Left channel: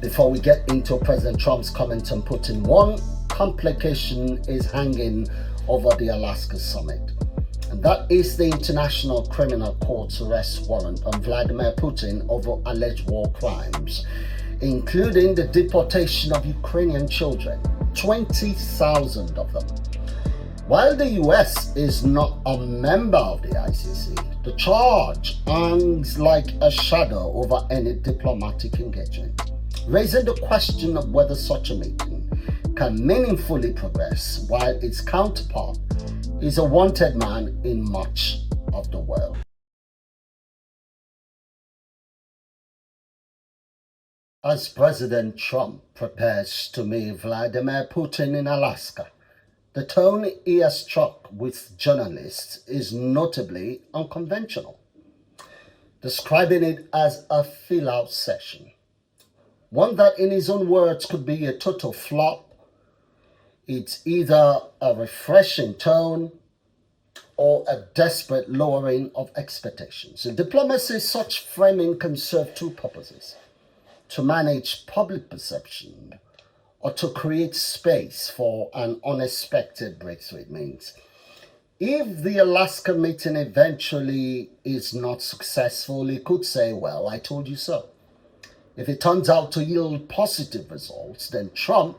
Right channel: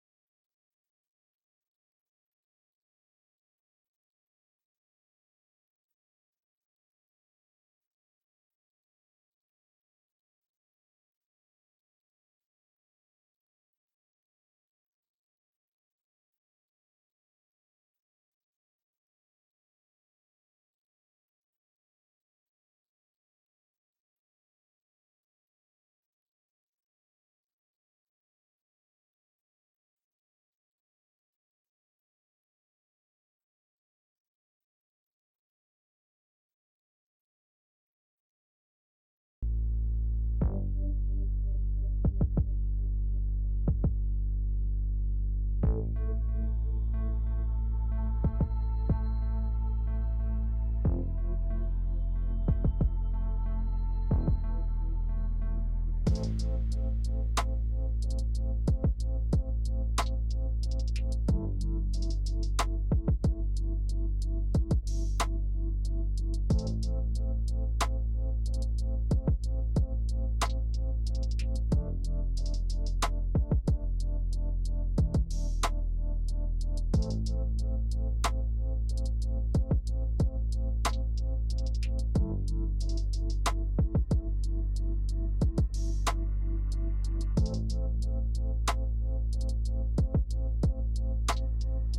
Before we get into President Trump's comment on Putin, one complication is hanging over the Alaska summit, and that is the International Criminal Court's arrest warrant on Vladimir Putin over alleged war crimes, including the deportation of Ukrainian children, 20,000 of them. While the US is not a member of the ICC, the charge hangs like a shadow over any diplomatic engagement, raising the question of whether such a meeting can meaningfully progress while its counterpart is a wanted man in much of the world. As President Trump prepares to meet Vladimir Putin in Alaska, the tone he has struck with journalists is notably unconventional, describing it as a fill-out session, one that in his own words could be a total flop. It's either a refreshing tone or a desperate lowering of expectations. In diplomacy, such framing can serve two purposes: to manage public perception or to create space for an unexpected breakthrough. It means if the Alaska meeting eventually is not successful, he could say, well, I told you so. If it turns out to yield positive results, then Trump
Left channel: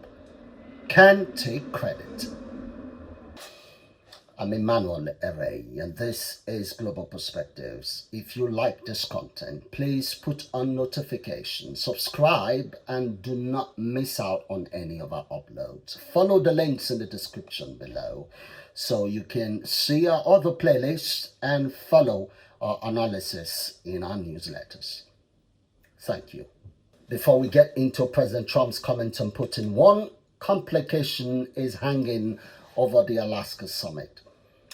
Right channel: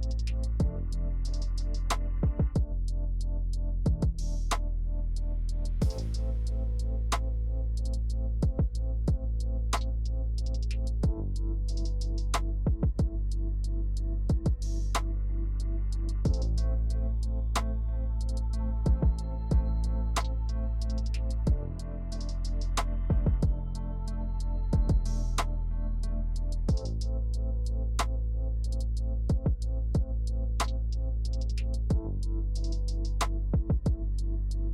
can take credit. I'm Emmanuel Ere, and this is Global Perspectives. If you like this content, please put on notifications, subscribe, and do not miss out on any of our uploads. Follow the links in the description below so you can see our other playlists and follow our analysis in our newsletters. Thank you. Before we get into President Trump's comment on Putin, one complication is hanging over the Alaska summit,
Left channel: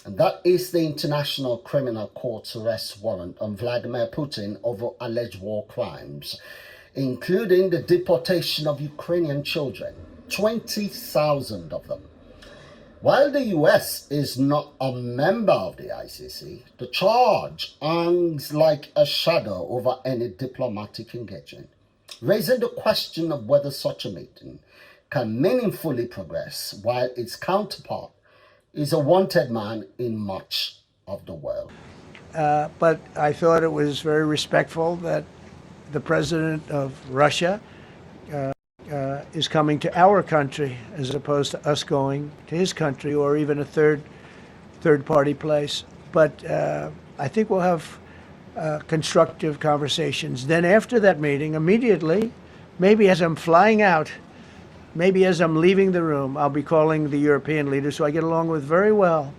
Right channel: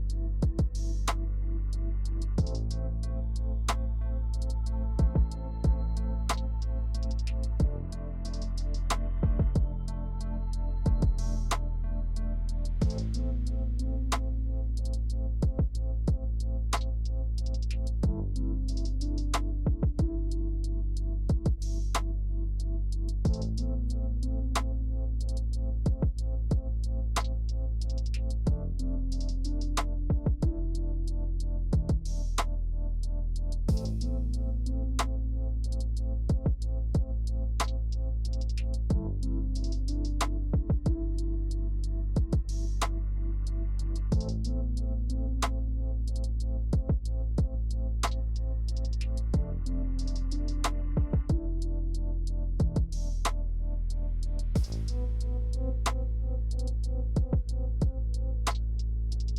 and that is the International Criminal Court's arrest warrant on Vladimir Putin over alleged war crimes, including the deportation of Ukrainian children, 20,000 of them. While the US is not a member of the ICC, the charge hangs like a shadow over any diplomatic engagement, raising the question of whether such a meeting can meaningfully progress while its counterpart is a wanted man in much of the world. But I thought it was very respectful that the president of Russia is coming to our country as opposed to us going to his country or even a third party place. But I think we'll have constructive conversations. Then after that meeting, immediately, maybe as I'm flying out, maybe as I'm leaving the room, I'll be calling the European leaders who I get along with very well.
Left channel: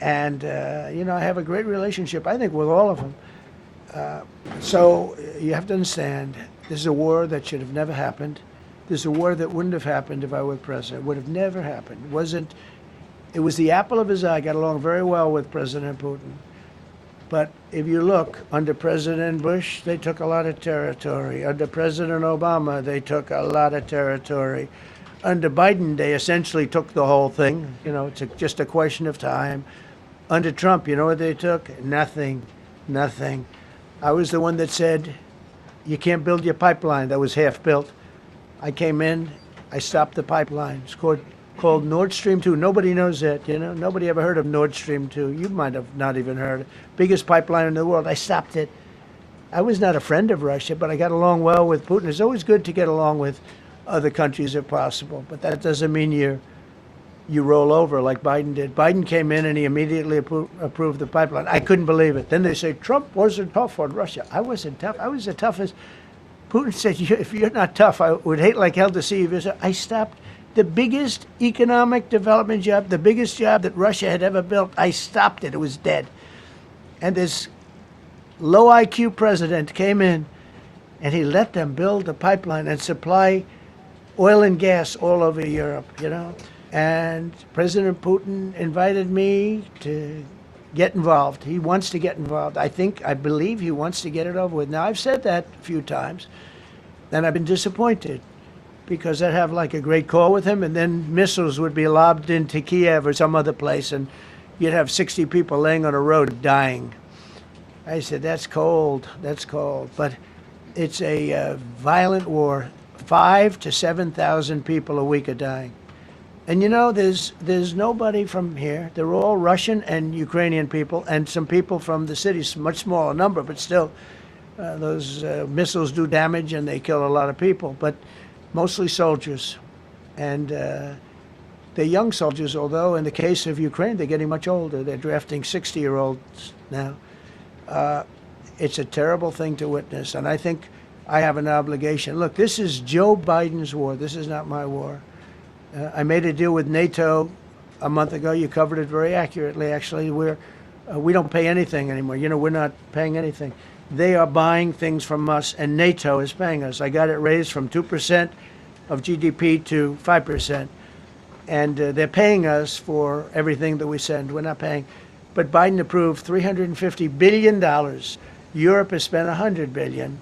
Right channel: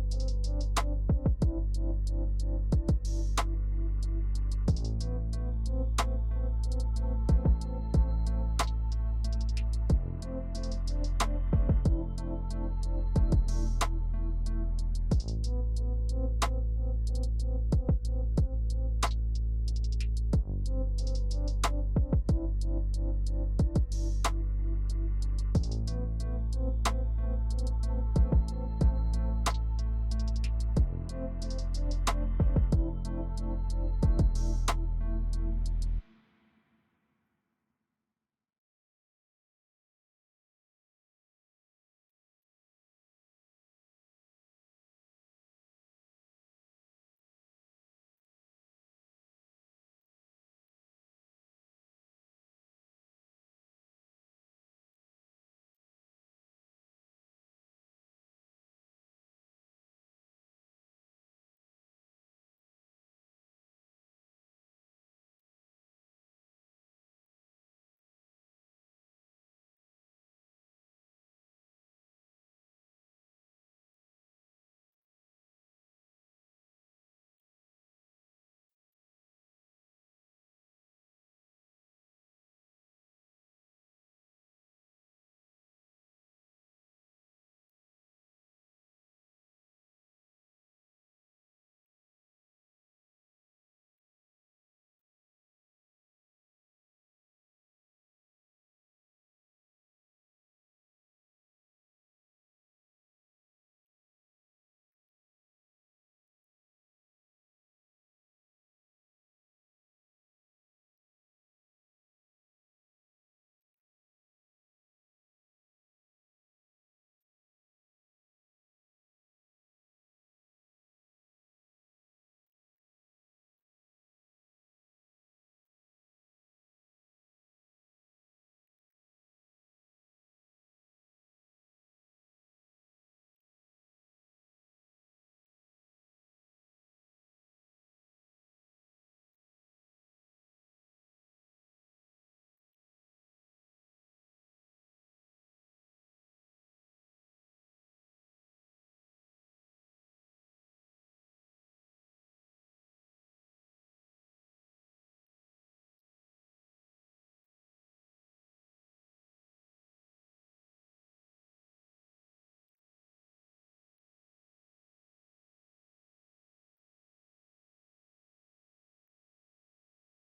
And, I have a great relationship, I think, with all of them. So you have to understand, this is a war that should have never happened. This is a war that wouldn't have happened if I were president. It would have never happened. It was the apple of his eye. I got along very well with President Putin. But if you look, under President Bush, they took a lot of territory. Under President Obama, they took a lot of territory. Under Biden, they essentially took the whole thing. It's just a question of time. Under Trump, you know what they took? Nothing. I was the one that said, you can't build your pipeline. That was half built. I came in, I stopped the pipeline. It's called Nord Stream 2. Nobody knows that, Nobody ever heard of Nord Stream 2. You might have not even heard. Biggest pipeline in the world. I stopped it. I was not a friend of Russia, but I got along well with Putin. It's always good to get along with other countries if possible, but that doesn't mean you roll over like Biden did. Biden came in and he immediately approved the pipeline. I couldn't believe it. Then they say, Trump wasn't tough on Russia. I wasn't tough. I was the toughest. Putin said, if you're not tough, I would hate like hell to see you visit. I stopped the biggest economic development job, the biggest job that Russia had ever built. I stopped it. It was dead. And this low IQ president came in and he let them build the pipeline and supply oil and gas all over Europe, And President Putin invited me to get involved. He wants to get involved. I believe he wants to get it over with. Now, I've said that a few times, and I've been disappointed because I'd have like a great call with him, and then missiles would be lobbed into Kiev or some other place, and you'd have 60 people laying on a road dying. I said, that's cold. But it's a violent war 5,000 to 7,000 people a week are dying. And you know, there's nobody from here. They're all Russian and Ukrainian people, and some people from the cities, much smaller number, but still, those missiles do damage and they kill a lot of people. But mostly soldiers, and they're young soldiers. Although in the case of Ukraine, they're getting much older. They're drafting 60-year-olds now. It's a terrible thing to witness, and I think I have an obligation. Look, this is Joe Biden's war. This is not my war. I made a deal with NATO a month ago. You covered it very accurately, actually. We don't pay anything anymore. You know, we're not paying anything. They are buying things from us, and NATO is paying us. I got it raised from 2% of GDP to 5%. And they're paying us for everything that we send. We're not paying. But Biden approved $350 billion. Europe has spent $100 billion.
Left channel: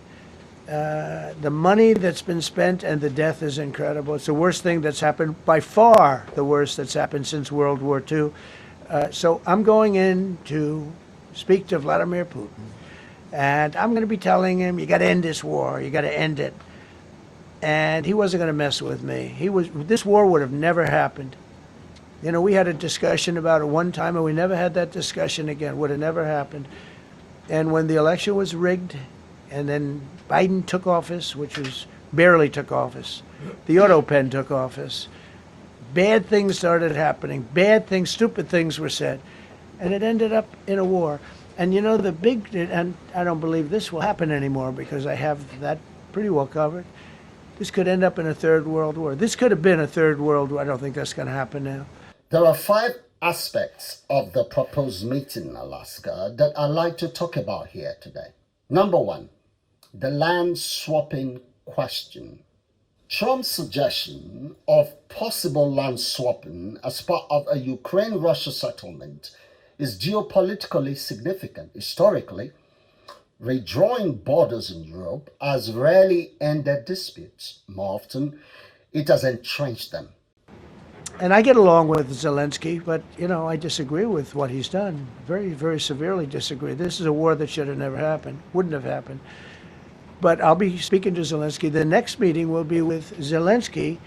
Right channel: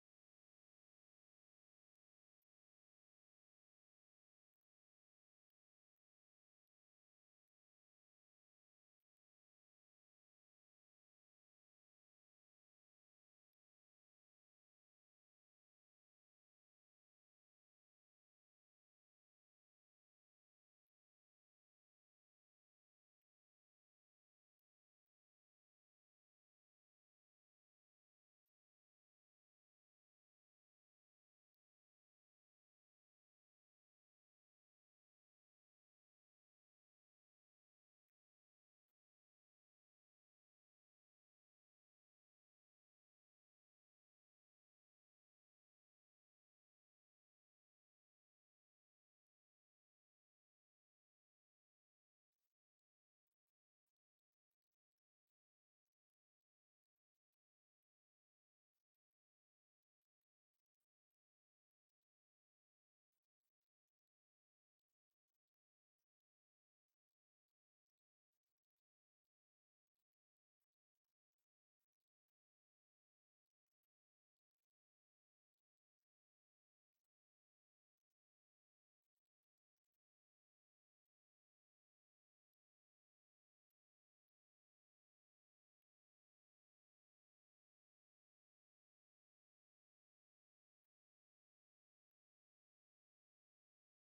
The money that's been spent and the death is incredible. It's the worst thing that's happened, by far the worst that's happened since World War II. So I'm going in to speak to Vladimir Putin. And I'm going to be telling him, you got to end this war. You got to end it. And he wasn't going to mess with me. This war would have never happened. You know, we had a discussion about it one time, and we never had that discussion again. Would have never happened. And when the election was rigged, and then Biden took office, which was barely took office, the auto pen took office, bad things started happening. Bad things, stupid things were said. And it ended up in a war. And you know, and I don't believe this will happen anymore because I have that pretty well covered. This could end up in a third world war. This could have been a third world war. I don't think that's going to happen now. There are 5 aspects of the proposed meeting in Alaska that I'd like to talk about here today. Number 1, the land swapping question. Trump's suggestion of possible land swapping as part of a Ukraine-Russia settlement is geopolitically significant. Historically, redrawing borders in Europe has rarely ended disputes. More often, it has entrenched them. And I get along with Zelensky, but, you know, I disagree with what he's done. Very, very severely disagree. This is a war that should have never happened, wouldn't have happened. But I'll be speaking to Zelensky. The next meeting will be with Zelensky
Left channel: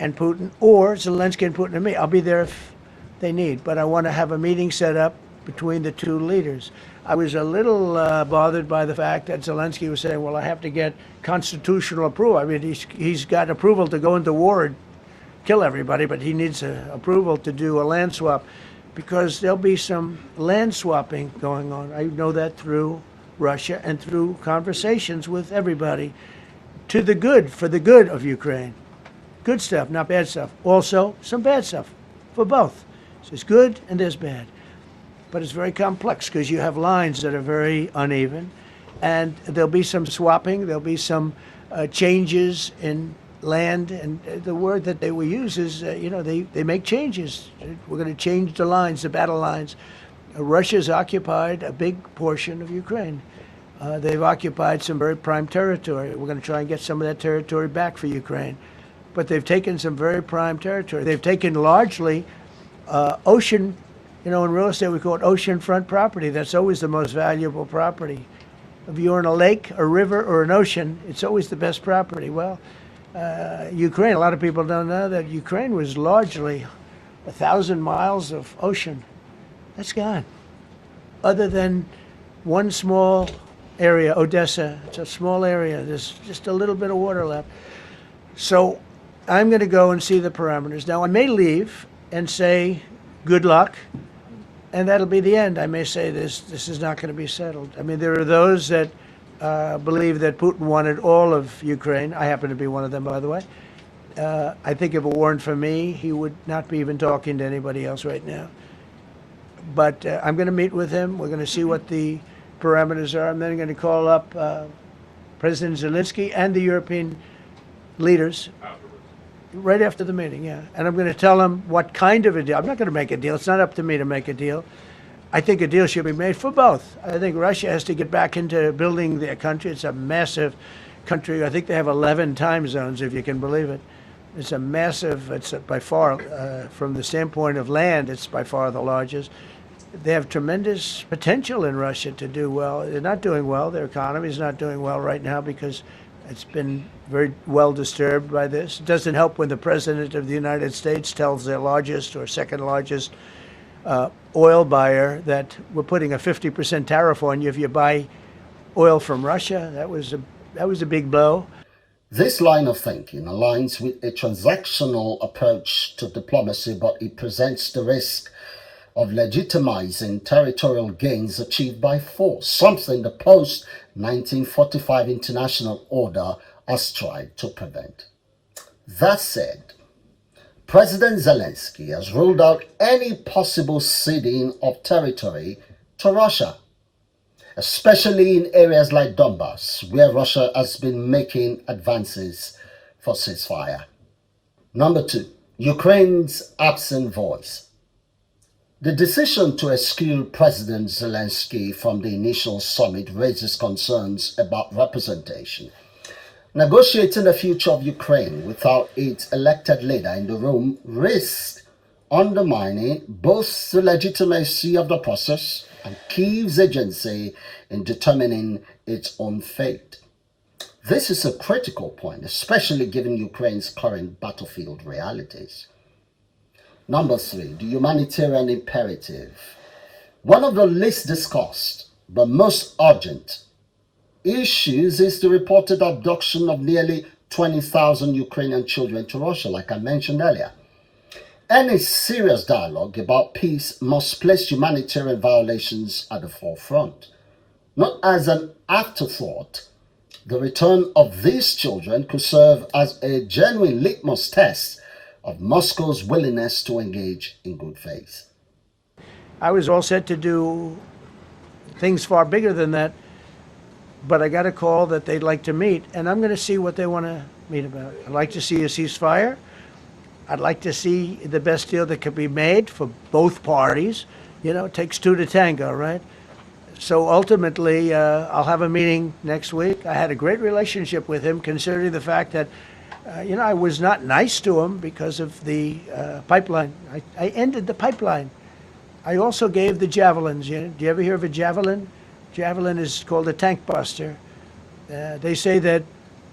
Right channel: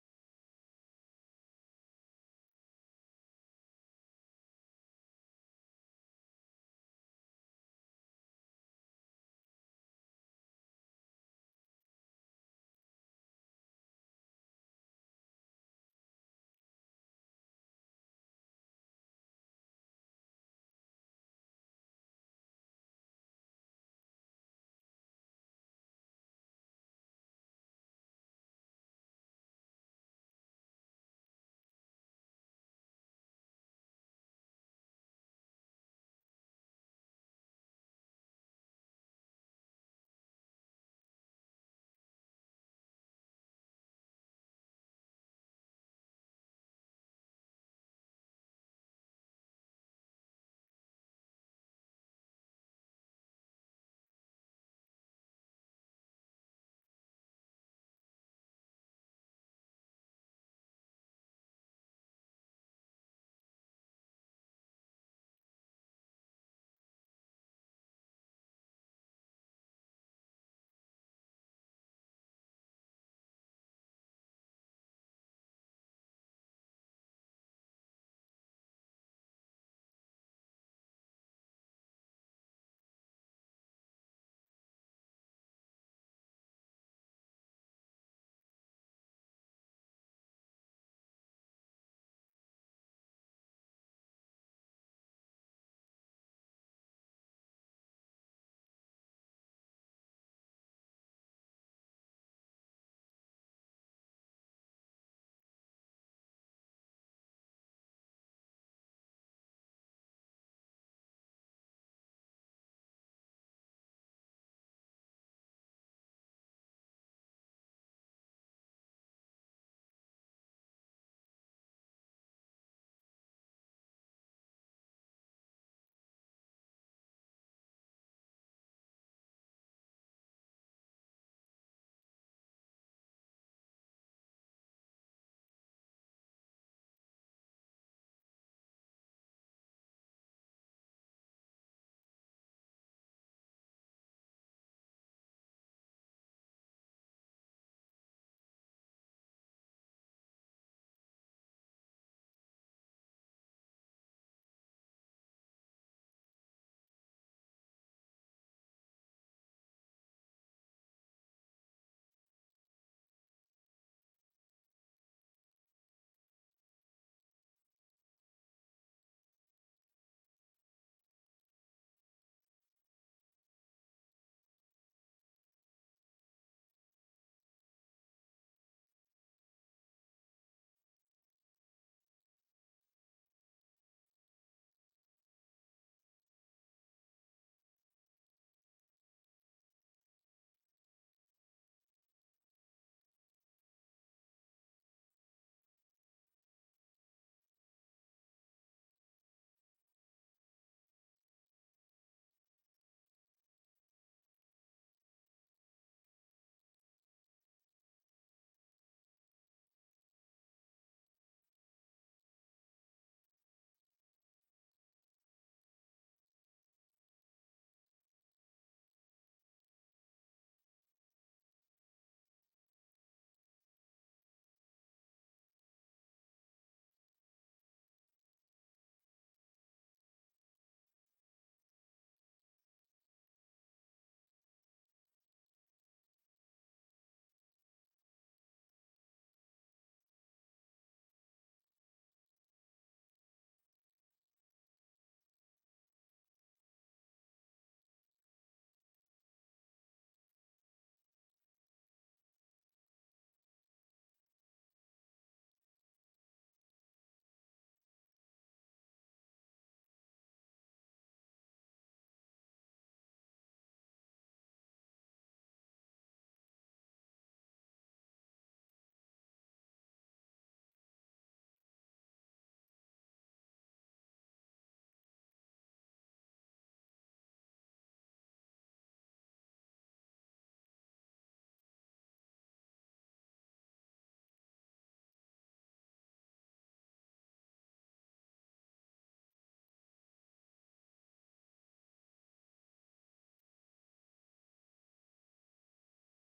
and Putin, or Zelensky and Putin and me. I'll be there if they need, but I want to have a meeting set up between the two leaders. I was a little bothered by the fact that Zelensky was saying, well, I have to get constitutional approval. I mean, he's got approval to go into war and kill everybody, but he needs approval to do a land swap, because there'll be some land swapping going on. I know that through Russia and through conversations with everybody, to the good, for the good of Ukraine. Good stuff, not bad stuff. Also, some bad stuff for both. So there's good and there's bad. But it's very complex because you have lines that are very uneven, and there'll be some swapping, there'll be some changes in land, and the word that they will use is, you know, they make changes. We're going to change the lines, the battle lines. Russia's occupied a big portion of Ukraine. They've occupied some very prime territory. We're going to try and get some of that territory back for Ukraine. But they've taken some very prime territory. They've taken largely ocean, you know, in real estate we call it oceanfront property. That's always the most valuable property. If you're in a lake, a river, or an ocean, it's always the best property. Well, Ukraine, a lot of people don't know that Ukraine was largely 1,000 miles of ocean. That's gone. Other than one small area, Odessa, it's a small area. There's just a little bit of water left. So I'm going to go and see the parameters. Now, I may leave and say, good luck, and that'll be the end. I may say this is not going to be settled. I mean, there are those that believe that Putin wanted all of Ukraine. I happen to be one of them, by the way. I think if it weren't for me, he would not be even talking to anybody else right now. But I'm going to meet with him. We're going to see what the parameters are. I'm then going to call up President Zelensky and the European leaders right after the meeting, yeah. And I'm going to tell them what kind of a deal. I'm not going to make a deal. It's not up to me to make a deal. I think a deal should be made for both. I think Russia has to get back into building their country. It's a massive country. I think they have 11 time zones, if you can believe it. It's a massive, it's by far, from the standpoint of land, it's by far the largest. They have tremendous potential in Russia to do well. They're not doing well. Their economy is not doing well right now because It's been very well disturbed by this. It doesn't help when the President of the United States tells their largest or second largest oil buyer that we're putting a 50% tariff on you if you buy oil from Russia. That was a big blow. This line of thinking aligns with a transactional approach to diplomacy, but it presents the risk of legitimizing territorial gains achieved by force, something the post-1945 international order has tried to prevent. That said, President Zelensky has ruled out any possible ceding of territory to Russia, especially in areas like Donbass, where Russia has been making advances for ceasefire. Number 2, Ukraine's absent voice. The decision to exclude President Zelensky from the initial summit raises concerns about representation. Negotiating the future of Ukraine without its elected leader in the room risks undermining both the legitimacy of the process and Kyiv's agency in determining its own fate. This is a critical point, especially given Ukraine's current battlefield realities. Number 3, the humanitarian imperative. One of the least discussed but most urgent issues is the reported abduction of nearly 20,000 Ukrainian children to Russia, like I mentioned earlier. Any serious dialogue about peace must place humanitarian violations at the forefront. Not as an afterthought, the return of these children could serve as a genuine litmus test of Moscow's willingness to engage in good faith. I was all set to do things far bigger than that, but I got a call that they'd like to meet, and I'm going to see what they want to meet about. I'd like to see a ceasefire. I'd like to see the best deal that could be made for both parties. You know, it takes two to tango, right? So ultimately, I'll have a meeting next week. I had a great relationship with him, considering the fact that I was not nice to him because of the pipeline. I ended the pipeline. I also gave the javelins. Do you ever hear of a javelin? Javelin is called a tank buster. They say that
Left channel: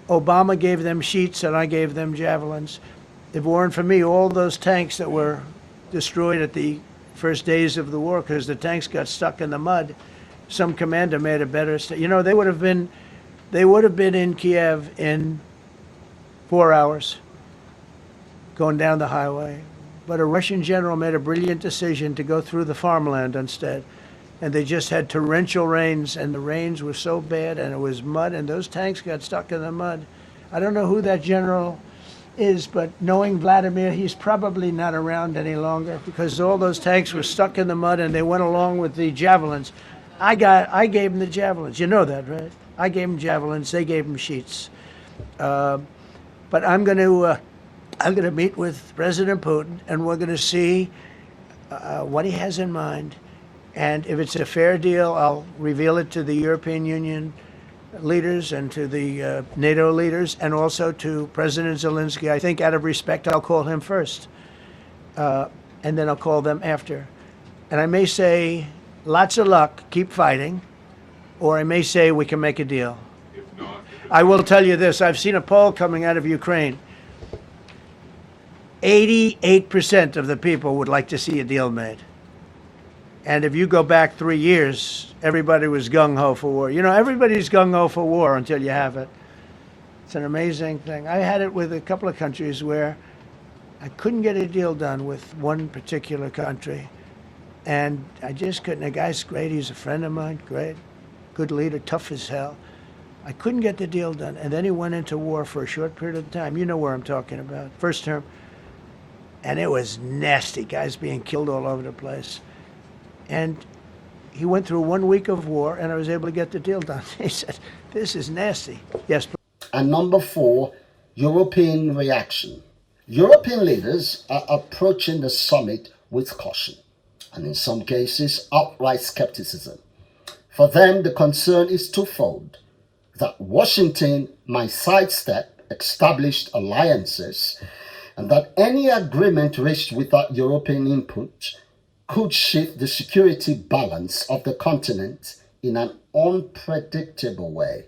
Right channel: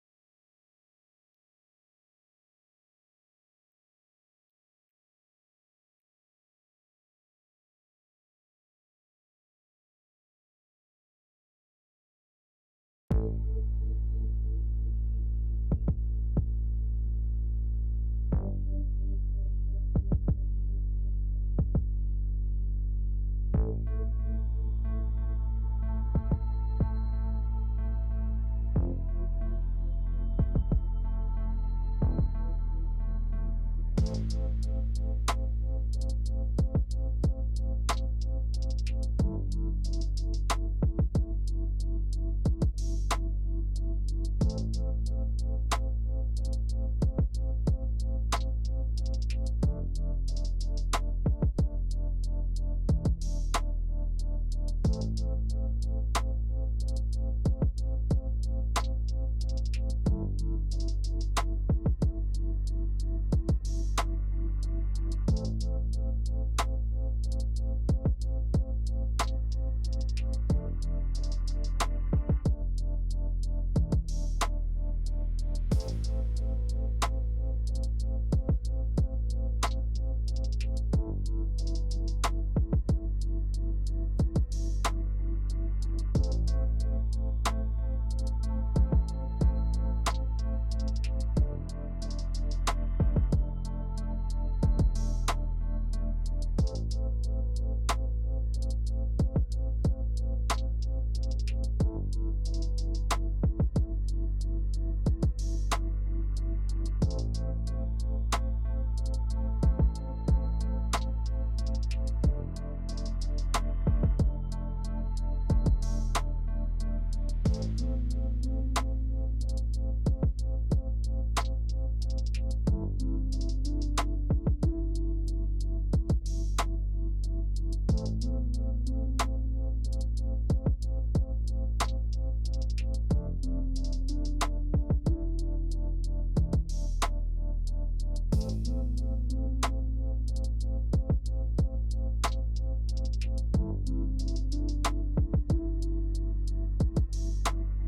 Obama gave them sheets and I gave them javelins. If it weren't for me, all those tanks that were destroyed at the first days of the war because the tanks got stuck in the mud, some commander made a better. They would have been in Kiev in 4 hours going down the highway. But a Russian general made a brilliant decision to go through the farmland instead. And they just had torrential rains, and the rains were so bad, and it was mud, and those tanks got stuck in the mud. I don't know who that general is, but knowing Vladimir, he's probably not around any longer because all those tanks were stuck in the mud and they went along with the javelins. I gave them the javelins. You know that, right? I gave them javelins. They gave them sheets. But I'm going to meet with President Putin, and we're going to see what he has in mind. And if it's a fair deal, I'll reveal it to the European Union leaders and to the NATO leaders, and also to President Zelensky. I think out of respect, I'll call him first, and then I'll call them after. And I may say, lots of luck, keep fighting, or I may say we can make a deal. I will tell you this, I've seen a poll coming out of Ukraine. 88% of the people would like to see a deal made. And if you go back 3 years, everybody was gung-ho for war. Everybody's gung-ho for war until you have it. It's an amazing thing. I had it with a couple of countries where I couldn't get a deal done with one particular country. And I just couldn't. The guy's great. He's a friend of mine. Great. Good leader. Tough as hell. I couldn't get the deal done. And then he went into war for a short period of time. You know where I'm talking about. First term. And it was nasty. Guys being killed all over the place. And he went through 1 week of war, and I was able to get the deal done. He said, this is nasty. Yes. And number 4, European reaction. European leaders are approaching the summit with caution, and in some cases, outright skepticism. For them, the concern is twofold: that Washington might sidestep established alliances, and that any agreement reached without European input could shift the security balance of the continent in an unpredictable way.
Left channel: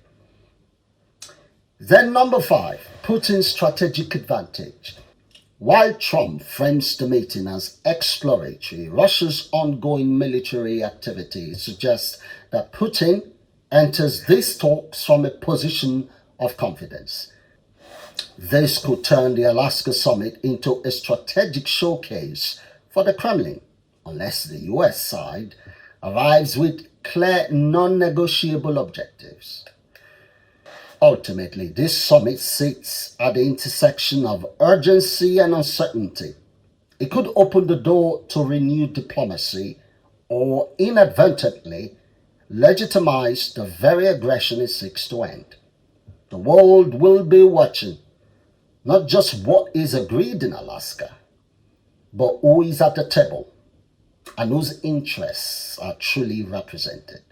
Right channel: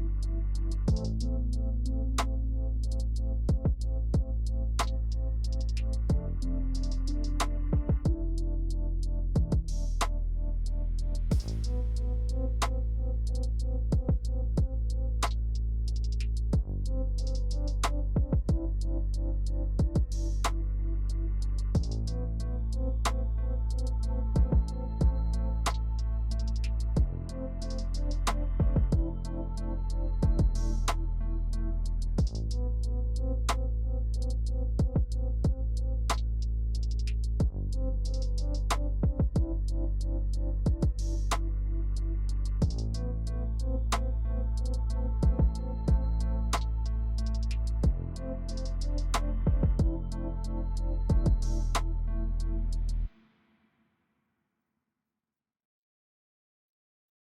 Then number 5, Putin's strategic advantage. While Trump frames the meeting as exploratory, Russia's ongoing military activity suggests that Putin enters these talks from a position of confidence. This could turn the Alaska summit into a strategic showcase for the Kremlin, unless the US side arrives with clear, non-negotiable objectives. Ultimately, this summit sits at the intersection of urgency and uncertainty. It could open the door to renewed diplomacy or inadvertently legitimize the very aggression it seeks to end. The world will be watching not just what is agreed in Alaska, but who is at the table and whose interests are truly represented.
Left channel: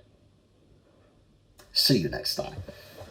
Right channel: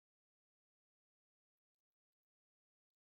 See you next time.